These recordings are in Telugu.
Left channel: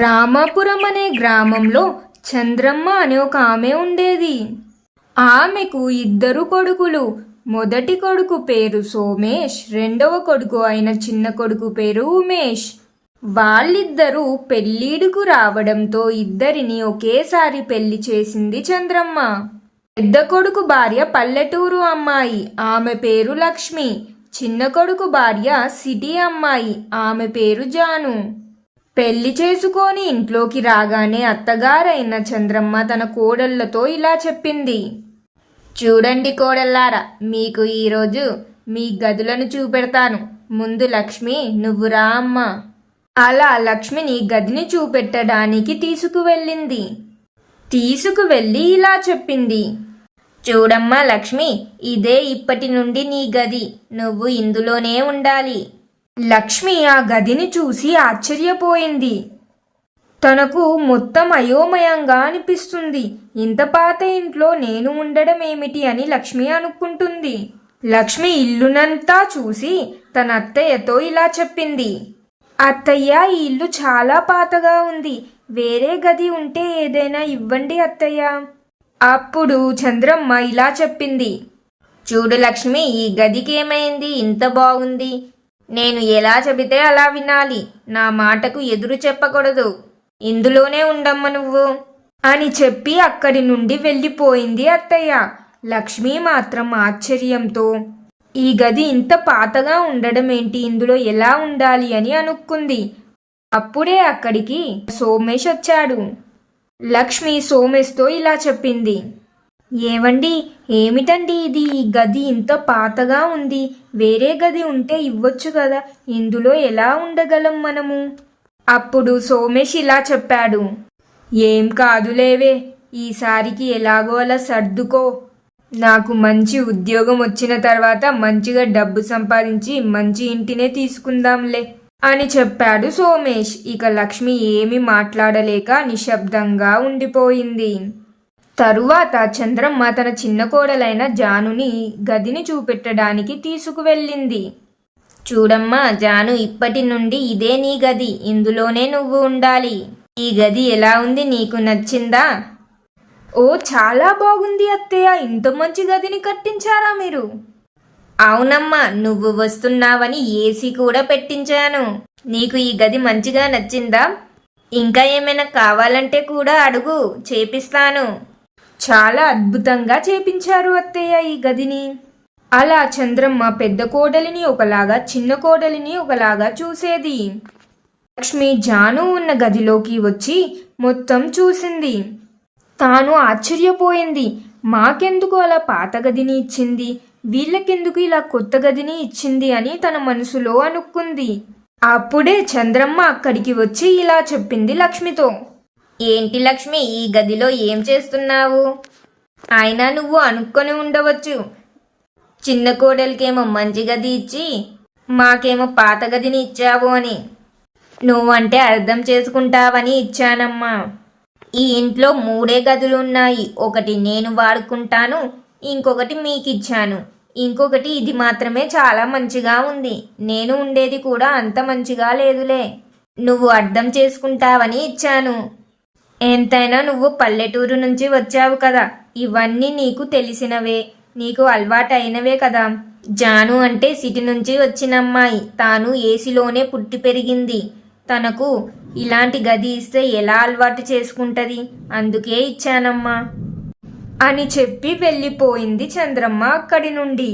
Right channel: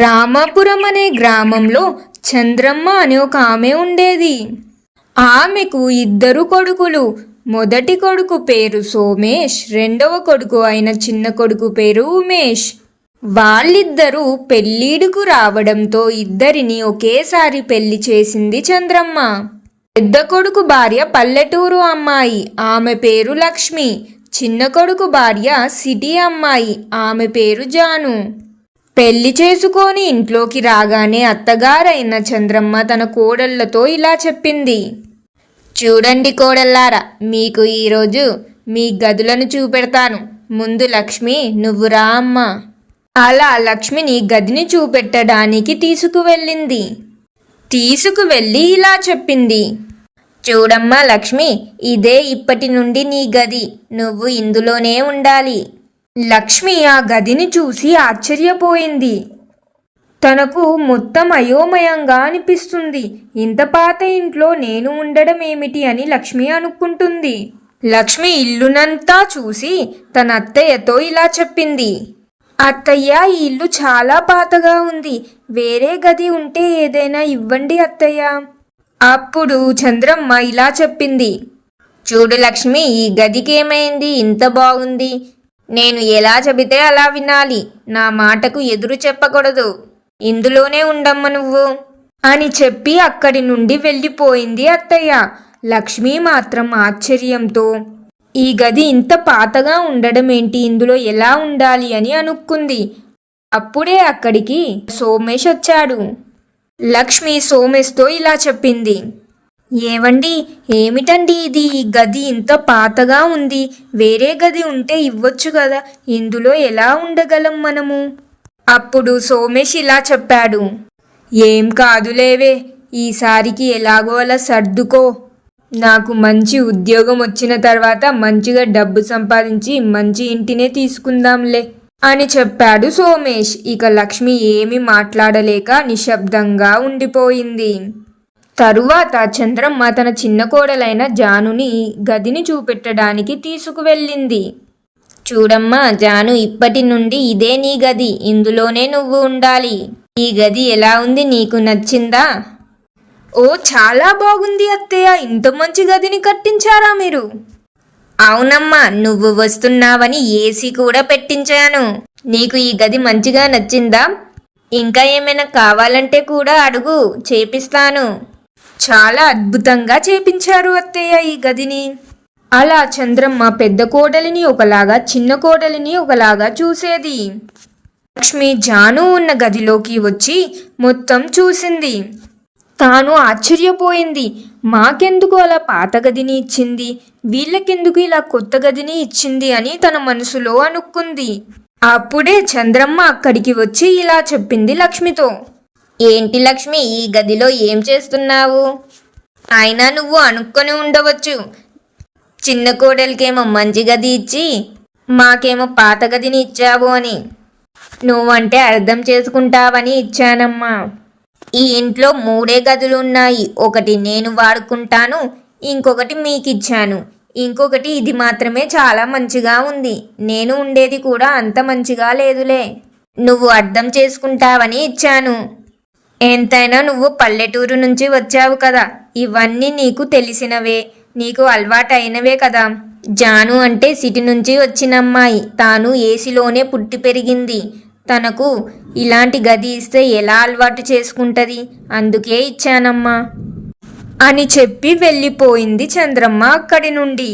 రామాపురం అనే గ్రామంలో చంద్రమ్మ అనే ఒక ఆమె ఉండేది. ఆమెకు ఇద్దరు కొడుకులు. మొదటి కొడుకు పేరు సోమేష్, రెండవ కొడుకు అయిన చిన్న కొడుకు పేరు ఉమేష్. వాళ్ళిద్దరూ పెళ్ళిడుకు రావడంతో ఇద్దరిని ఒకేసారి పెళ్లి చేసింది చంద్రమ్మ. పెద్ద కొడుకు భార్య పల్లెటూరు అమ్మాయి, ఆమె పేరు లక్ష్మి. చిన్న కొడుకు భార్య సిటీ అమ్మాయి, ఆమె పేరు జాను. పెళ్లి చేసుకొని ఇంట్లోకి రాగానే అత్తగారైన చంద్రమ్మ తన కోడళ్లతో ఇలా చెప్పింది. చూడండి కోడళ్ళారా, మీకు ఈరోజు మీ గదులను చూపెడతాను. ముందు లక్ష్మి, నువ్వు రా అమ్మా. అలా లక్ష్మిని గదిని చూపెట్టడానికి తీసుకువెళ్ళింది. తీసుకువెళ్ళి ఇలా చెప్పింది. చూడమ్మా లక్ష్మి, ఇదే ఇప్పటి నుండి నీ గది. నువ్వు ఇందులోనే ఉండాలి. లక్ష్మి ఆ గదిని చూసి ఆశ్చర్యపోయింది. తనకు మొత్తం అయోమయంగా అనిపిస్తుంది. ఇంత పాత ఇంట్లో నేను ఉండడం ఏమిటి అని లక్ష్మి అనుకుంటుంది. లక్ష్మి ఇల్లునంతా చూసి తన అత్తయ్యతో ఇలా చెప్పింది. అత్తయ్య, ఈ ఇల్లు చాలా పాతగా ఉంది. వేరే గది ఉంటే ఏదైనా ఇవ్వండి అత్తయ్య. అప్పుడు చంద్రమ్మ ఇలా చెప్పింది. చూడు లక్ష్మి, ఈ గదికి ఏమైంది? ఇంత బాగుంది. నేను ఎలా చెబితే అలా వినాలి. నా మాటకు ఎదురు చెప్పకూడదు. ఇందులోనే ఉండమ్మ నువ్వు అని చెప్పి అక్కడి నుండి వెళ్ళిపోయింది అత్తయ్య. లక్ష్మి మాత్రం ఆశ్చర్యంతో ఈ గది ఇంత పాతగా ఉండడం ఏంటి, ఇందులో ఎలా ఉండాలి అని అనుకుంది. అప్పుడే అక్కడికి సోమేష్ వచ్చాడు. లక్ష్మి సోమేష్తో ఇలా చెప్పింది. ఏవండి, ఏమిటండి ఇది? ఈ గది ఇంత పాతగా ఉంది. వేరే గది ఉంటే ఇవ్వచ్చు కదా, ఇందులో ఎలా ఉండగలం మనము? అప్పుడు సోమేష్ ఇలా చెప్పాడు. ఏం కాదులేవే, ఈసారికి ఎలాగో అలా సర్దుకో. నాకు మంచి ఉద్యోగం వచ్చిన తర్వాత మంచిగా డబ్బు సంపాదించి మంచి ఇంటినే తీసుకుందాంలే అని చెప్పాడు సోమేష్. ఇక లక్ష్మి ఏమీ మాట్లాడలేక నిశ్శబ్దంగా ఉండిపోయింది. తరువాత చంద్రమ్మ తన చిన్న కోడలైన జానుని గదిని చూపెట్టడానికి తీసుకువెళ్ళింది. చూడమ్మా జాను, ఇప్పటి నుండి ఇదే నీ గది. ఇందులోనే నువ్వు ఉండాలి. ఈ గది ఎలా ఉంది, నీకు నచ్చిందా? ఓ, చాలా బాగుంది అత్తయ్య. ఇంత మంచి గదిని కట్టించారా మీరు? అవునమ్మా, నువ్వు వస్తున్నావని ఏసీ కూడా పెట్టించాను. నీకు ఈ గది మంచిగా నచ్చిందా? ఇంకా ఏమైనా కావాలంటే కూడా అడుగు, చేపిస్తాను. చాలా అద్భుతంగా చేపించారు అత్తయ్య ఈ గదిని. అలా చంద్రమ్మ పెద్ద కోడలిని ఒకలాగా, చిన్న కోడలిని ఒకలాగా చూసేది. లక్ష్మి జాను ఉన్న గదిలోకి వచ్చి మొత్తం చూసింది. తాను ఆశ్చర్యపోయింది. మాకెందుకు అలా పాత గదిని ఇచ్చింది, వీళ్ళకెందుకు ఇలా కొత్త గదిని ఇచ్చింది అని తన మనసులో అనుకుంది. అప్పుడే చంద్రమ్మ అక్కడికి వచ్చి ఇలా చెప్పింది లక్ష్మితో. ఏంటి లక్ష్మి, ఈ గదిలో ఏం చేస్తున్నావు? అయినా నువ్వు అనుకొని ఉండవచ్చు, చిన్న కోడలికేమో మంచి గది ఇచ్చి మాకేమో పాత గదిని ఇచ్చావు అని. నువ్వంటే అర్థం చేసుకుంటావని ఇచ్చానమ్మా. ఈ ఇంట్లో 3 గదులు ఉన్నాయి. ఒకటి నేను వాడుకుంటాను, ఇంకొకటి మీకిచ్చాను, ఇంకొకటి ఇది మాత్రమే చాలా మంచిగా ఉంది. నేను ఉండేది కూడా అంత మంచిగా లేదులే. నువ్వు అర్థం చేసుకుంటావని ఇచ్చాను. ఎంతైనా నువ్వు పల్లెటూరు నుంచి వచ్చావు కదా, ఇవన్నీ నీకు తెలిసినవే, నీకు అలవాటైనవే కదా. జాను అంటే సిటీ నుంచి వచ్చిన అమ్మాయి. తాను ఏసీలోనే పుట్టి పెరిగింది. తనకు ఇలాంటి గది ఇస్తే ఎలా అలవాటు చేసుకుంటుంది, అందుకే ఇచ్చానమ్మా అని చెప్పి వెళ్ళిపోయింది చంద్రమ్మ అక్కడి నుండి.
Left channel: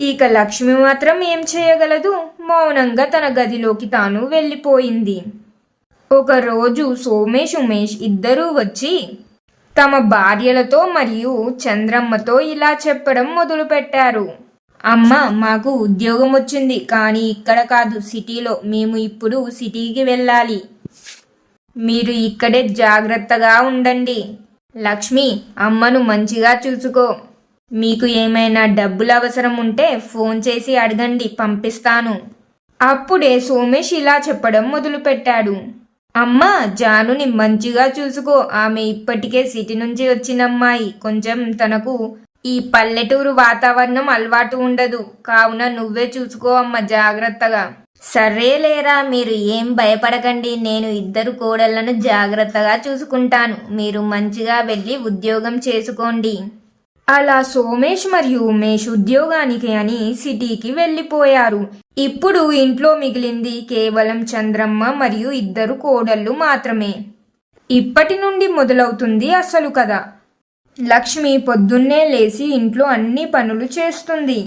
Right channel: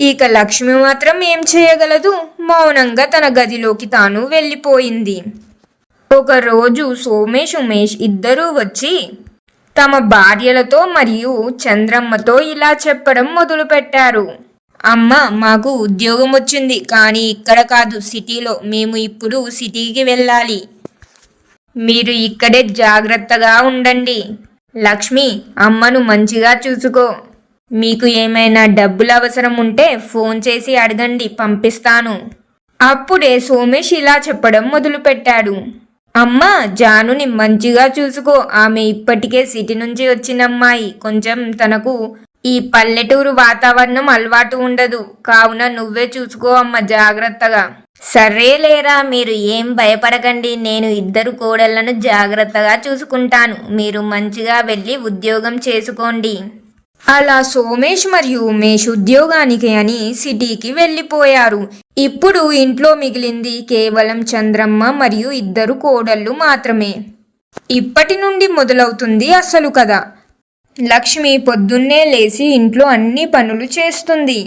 ఇక లక్ష్మి మాత్రం ఏం చేయగలదు, మౌనంగా తన గదిలోకి తాను వెళ్ళిపోయింది. ఒకరోజు సోమేష్, ఉమేష్ ఇద్దరూ వచ్చి తమ భార్యలతో మరియు చంద్రమ్మతో ఇలా చెప్పడం మొదలుపెట్టారు. అమ్మ, మాకు ఉద్యోగం వచ్చింది, కానీ ఇక్కడ కాదు, సిటీలో. మేము ఇప్పుడు సిటీకి వెళ్ళాలి. మీరు ఇక్కడే జాగ్రత్తగా ఉండండి. లక్ష్మి, అమ్మను మంచిగా చూసుకో. మీకు ఏమైనా డబ్బులు అవసరం ఉంటే ఫోన్ చేసి అడగండి, పంపిస్తాను. అప్పుడే సోమేష్ ఇలా చెప్పడం మొదలుపెట్టాడు. అమ్మ, జానుని మంచిగా చూసుకో. ఆమె ఇప్పటికే సిటీ నుంచి వచ్చిన అమ్మాయి. కొంచెం తనకు ఈ పల్లెటూరు వాతావరణం అలవాటు ఉండదు. కావున నువ్వే చూసుకో అమ్మ, జాగ్రత్తగా. సరేలేరా, మీరు ఏం భయపడకండి. నేను ఇద్దరు కోడళ్లను జాగ్రత్తగా చూసుకుంటాను. మీరు మంచిగా వెళ్ళి ఉద్యోగం చేసుకోండి. అలా సోమేష్ మరియు ఉమేష్ ఉద్యోగానికి అని సిటీకి వెళ్ళిపోయారు. ఇప్పుడు ఇంట్లో మిగిలింది కేవలం చంద్రమ్మ మరియు ఇద్దరు కోడళ్ళు మాత్రమే. ఇప్పటి నుండి మొదలవుతుంది అసలు కథ. లక్ష్మి పొద్దున్నే లేచి ఇంట్లో అన్ని పనులు చేస్తుంది.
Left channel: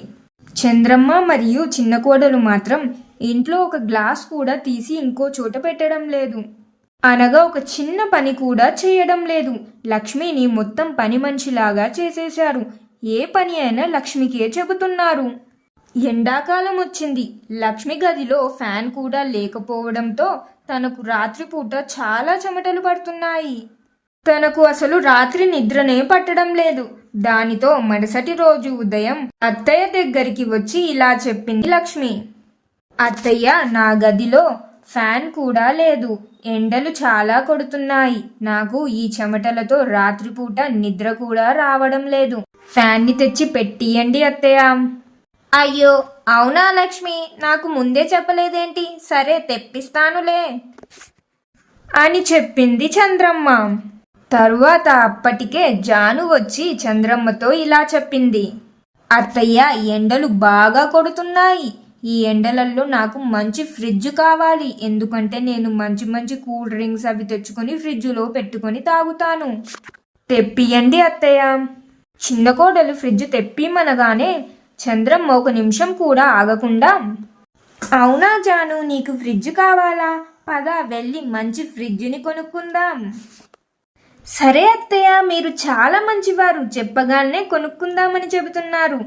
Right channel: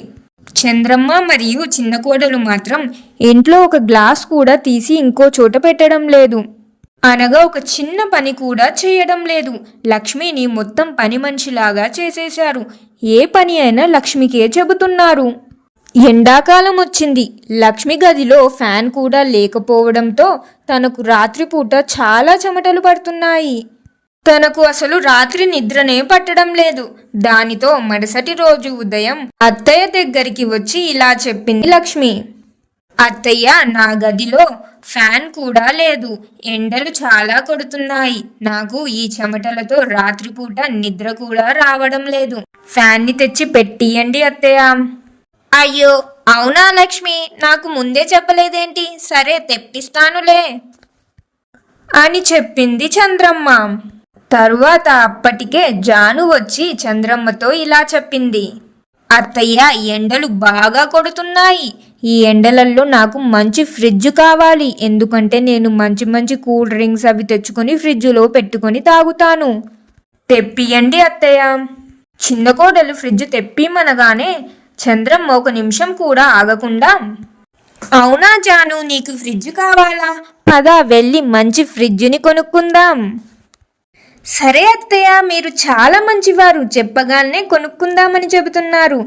చంద్రమ్మ మరియు చిన్న కోడలు మాత్రం ఇంట్లో ఒక గ్లాస్ కూడా తీసి ఇంకో చోట పెట్టడం లేదు. అనగా ఒక చిన్న పని కూడా చేయడం లేదు. లక్ష్మిని మొత్తం పని మనిషిలాగా చేసేశారు. ఏ పని అయినా లక్ష్మికే చెబుతున్నారు. ఎండాకాలం వచ్చింది. లక్ష్మి గదిలో ఫ్యాన్ కూడా లేకపోవడంతో తనకు రాత్రిపూట చాలా చెమటలు పడుతున్నాయి. తనకు అసలు రాత్రి నిద్రనే పట్టడం లేదు. దానితో మరుసటి రోజు ఉదయం అత్తయ్య దగ్గరికి వచ్చి ఇలా చెప్పింది లక్ష్మి. అత్తయ్య, నా గదిలో ఫ్యాన్ కూడా లేదు. ఎండలు చాలా కొడుతున్నాయి. నాకు ఈ చెమటలతో రాత్రిపూట నిద్ర కూడా రావడం లేదు. ఫ్యాన్ని తెచ్చి పెట్టియండి అత్తయ్య. అయ్యో, అవునా లక్ష్మి, నాకు ముందే చెప్పలేదేంటి? సరే, తెప్పిస్తానులే అని చెప్పింది చంద్రమ్మ. తరువాత అప్పటికే జాను వచ్చి చంద్రమ్మతో ఇలా చెప్పింది. అత్తయ్య, ఎండలు బాగా కొడుతున్నాయి. ఈ ఎండలలో నాకు మంచి ఫ్రిడ్జ్ కావాలి. ఎందుకంటే నేను మంచి మంచి కూల్ డ్రింక్స్ అవి తెచ్చుకొని ఫ్రిడ్జ్లో పెట్టుకొని తాగుతాను. తెప్పియండి అత్తయ్య. చిన్న కోడలు ఫ్రిడ్జ్ తెప్పిమనగానే చంద్రమ్మ ఒక నిమిషం కూడా ఆగకుండా, అవునా జాను, నీకు ఫ్రిడ్జ్ కావాలా? పద వెళ్ళి మంచి ఫ్రిడ్జ్ని కొనుక్కుందాం. సరే అత్తయ్య, మీరు చాలా మంచివారు. చెప్పగానే కొనుక్కుందామని చెబుతున్నారు.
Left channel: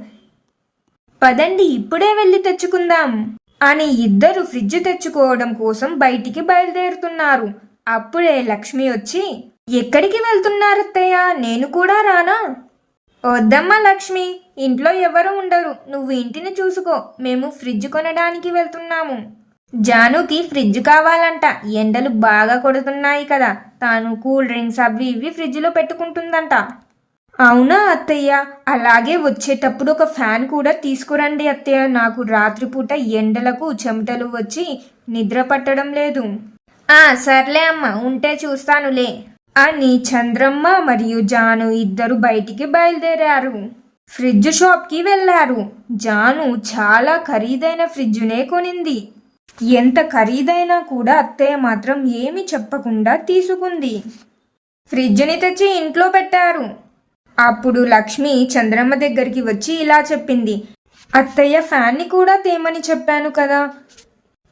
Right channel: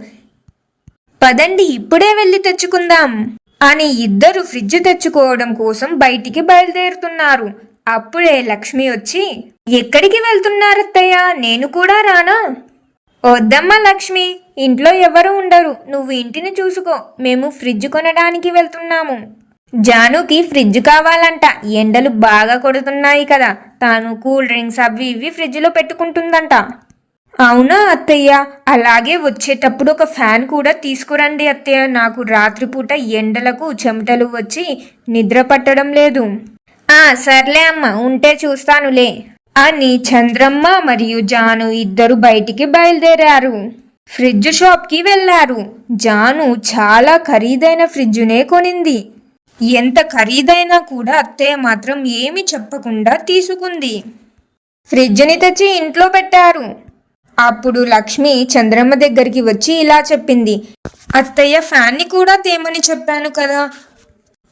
పదండి, ఇప్పుడే వెళ్ళి తెచ్చుకుందాం అని ఇద్దరు ఫ్రిడ్జ్ తెచ్చుకోవడం కోసం బయటికి బయలుదేరుతున్నారు. అప్పుడే లక్ష్మి వచ్చి, ఎక్కడికి వెళ్తున్నారత్తయ్య? నేను కూడా రానా? వద్దమ్మా లక్ష్మి, ఇంట్లో ఎవరు ఉండరు. నువ్వు ఇంటిని చూసుకో. మేము ఫ్రిడ్జ్ కొనడానికి వెళ్తున్నాము. జానుకి ఫ్రిడ్జ్ కావాలంట. ఎండలు బాగా కొడుతున్నాయి కదా, తాను కూల్ డ్రింక్స్ అవి ఇవి ఫ్రిడ్జ్లో పెట్టుకుంటుందంట. అవునా అత్తయ్య, అలాగే వచ్చేటప్పుడు ఒక ఫ్యాన్ కూడా తీసుకురండి అత్తయ్య. నాకు రాత్రిపూట ఎండలకు చెమటలు వచ్చి నిద్ర పట్టడం లేదు. సర్లే అమ్మ, ఉంటే చూస్తానులే అని చంద్రమ్మ మరియు జాను ఇద్దరు బయటికి బయలుదేరారు. ఫ్రిడ్జ్ షాప్కి వెళ్ళారు. జాను చాలా ఖరీదైన ఫ్రిడ్జ్నే కొనింది. ఎంత ఖరీదైనా కూడా అత్తయ్య మాత్రం ఏమి చెప్పకుండా తీసుకుంది. ఫ్రిడ్జ్ని తెచ్చి ఇంట్లో పెట్టారు. అప్పుడు లక్ష్మి చంద్రమ్మ దగ్గరికి వచ్చి ఇలా చెప్పింది. అత్తయ్య, ఫ్యాన్ని కూడా తేమని చెప్పాను కదా,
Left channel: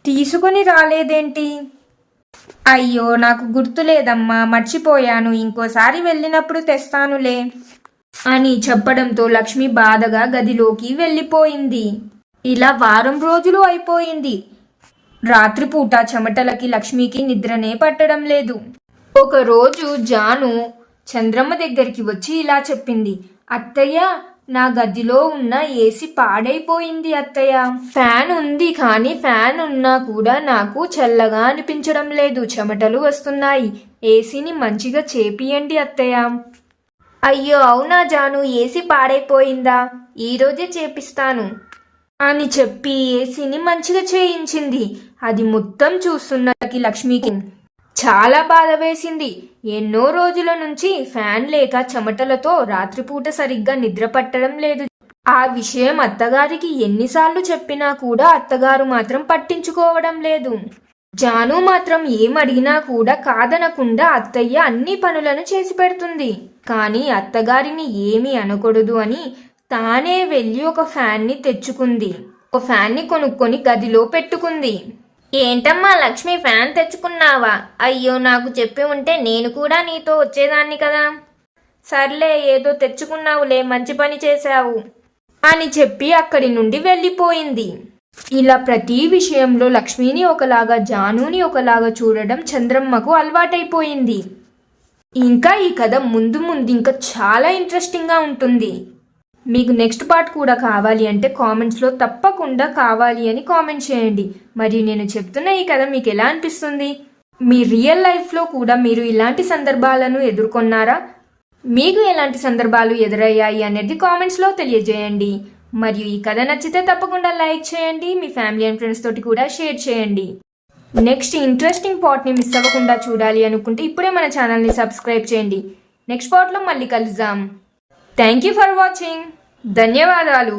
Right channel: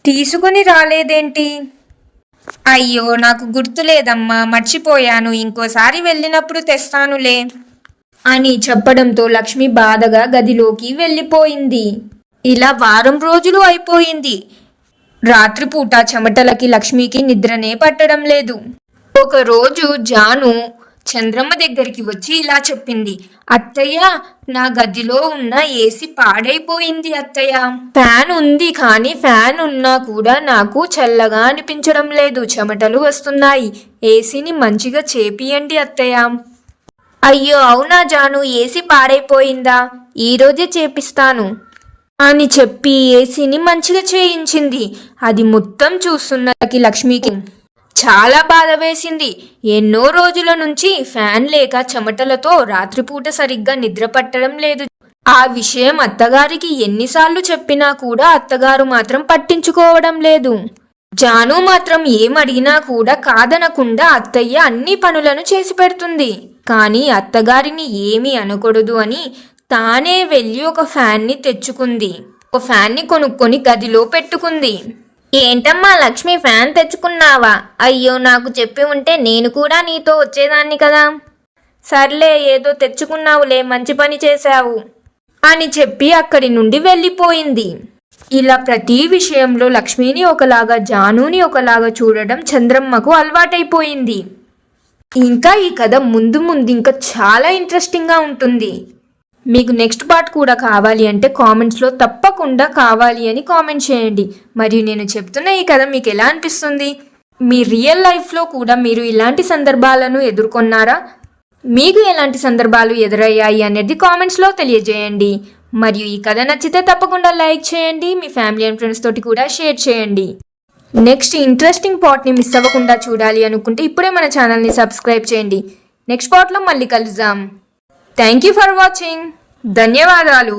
తీసుకొని రాలేదేంటి? అయ్యో, నాకు గుర్తులేదమ్మా, మర్చిపోయాను. ఇంకోసారి వెళ్ళినప్పుడు తెస్తానులే అని చెప్పడంతో లక్ష్మి బాధగా గదిలోకి వెళ్ళిపోయింది. ఇలా వారం రోజులు అయిపోయింది. రాత్రిపూట చెమటలకి లక్ష్మికి నిద్రనే పట్టడం లేదు. ఒకరోజు జాను చంద్రమ్మ దగ్గరికి వచ్చి ఇలా చెప్పింది. అత్తయ్య, నా గదిలో ఉన్న ఏసీ పాడైపోయింది అత్తయ్య. ఫ్యాన్ ఉంది, కానీ ఫ్యాన్ ఉన్నా కూడా నాకు చల్లగా అనిపించడం లేదు. చెమటలు వస్తున్నాయి. ఏసీని మంచిగా చేపియండి అత్తయ్య. అయ్యో, అవునా జాను, ఏసీ పాడైపోయిందా? ఈరోజే చేపిస్తాను అని చెప్పి ఏసీని మంచిగా చేయించింది. అది మొత్తం చూస్తున్నకి లక్ష్మికి చాలా బాధ వేసింది. ఎన్నో రోజుల నుంచి ఫ్యాన్ లేక చెమటలతో రాత్రిపూట సరిగ్గా నిద్ర పట్టడం లేదు. ఆ విషయం అత్తగారికి ఎన్నిసార్లు చెప్పినా కూడా అత్తగారు మాత్రం పట్టించుకోవడం లేదు. జాను మాత్రం ఏమడిగినా కూడా కాదనకుండా అత్తయ్య అన్ని పనులను చేసి పెడుతుంది. కానీ అత్తగారిని ఏమీ అనకూడదు అని తానే వెళ్ళి ఒక ఫ్యాన్ని తెచ్చుకుంది. ఒక ఫ్యాన్ని కొనుక్కొని గదిలో పెట్టుకుంది. ఏంటమ్మా లక్ష్మి, ఫ్యాన్ తెచ్చుకున్నావా? అయ్యో, నాకు చెప్పి ఉంటే నేను కూడా నీతో వచ్చేదాన్ని కదా. సర్లే, ఏదో తెచ్చుకున్నావులే, మంచి పని చేశావు అని చెప్పి అక్కడి నుండి వెళ్ళిపోయింది. ఇలా ప్రతి విషయంలో లక్ష్మిని ఒకలాగా జానుని ఒకలాగా చూడడం చంద్రమ్మకు అలవాటైపోయింది. ఇంకా ఈ కథ ముందు ముందు ఇంకా చాలా ఇంట్రెస్టింగ్గా ఉంటుంది. మీకు నెక్స్ట్ పార్ట్ కూడా కావాలి అంటే కామెంట్స్లో తప్పకుండా కావాలి అని కామెంట్ చేయండి. మరియు నేను చెప్తున్న ఈ కథ మీకు ఎలా అనిపిస్తుంది? మీ రియల్ లైఫ్లో కూడా మీరు ఇలాంటి సందర్భాలను ఎదుర్కొన్నారా? మీకు ఎలాంటి సందర్భాలు ఎదురయ్యాయి అనేది కామెంట్స్లో తెలియజేయండి. మరియు ఈ కథ నచ్చితే తప్పకుండా లైక్ చేయండి, మీ ఫ్యామిలీ అండ్ ఫ్రెండ్స్ తోటి కూడా షేర్ చేయండి. నెక్స్ట్ ఇంట్రెస్టింగ్ పార్ట్ని మిస్ అవ్వకుండా చూడాలి అనుకుంటే ఇప్పుడే మన ఛానల్ని సబ్స్క్రైబ్ చేయండి. నెక్స్ట్ పార్ట్లో మళ్ళీ కలుద్దాం. Thank you for watching. ధన్యవాదాలు.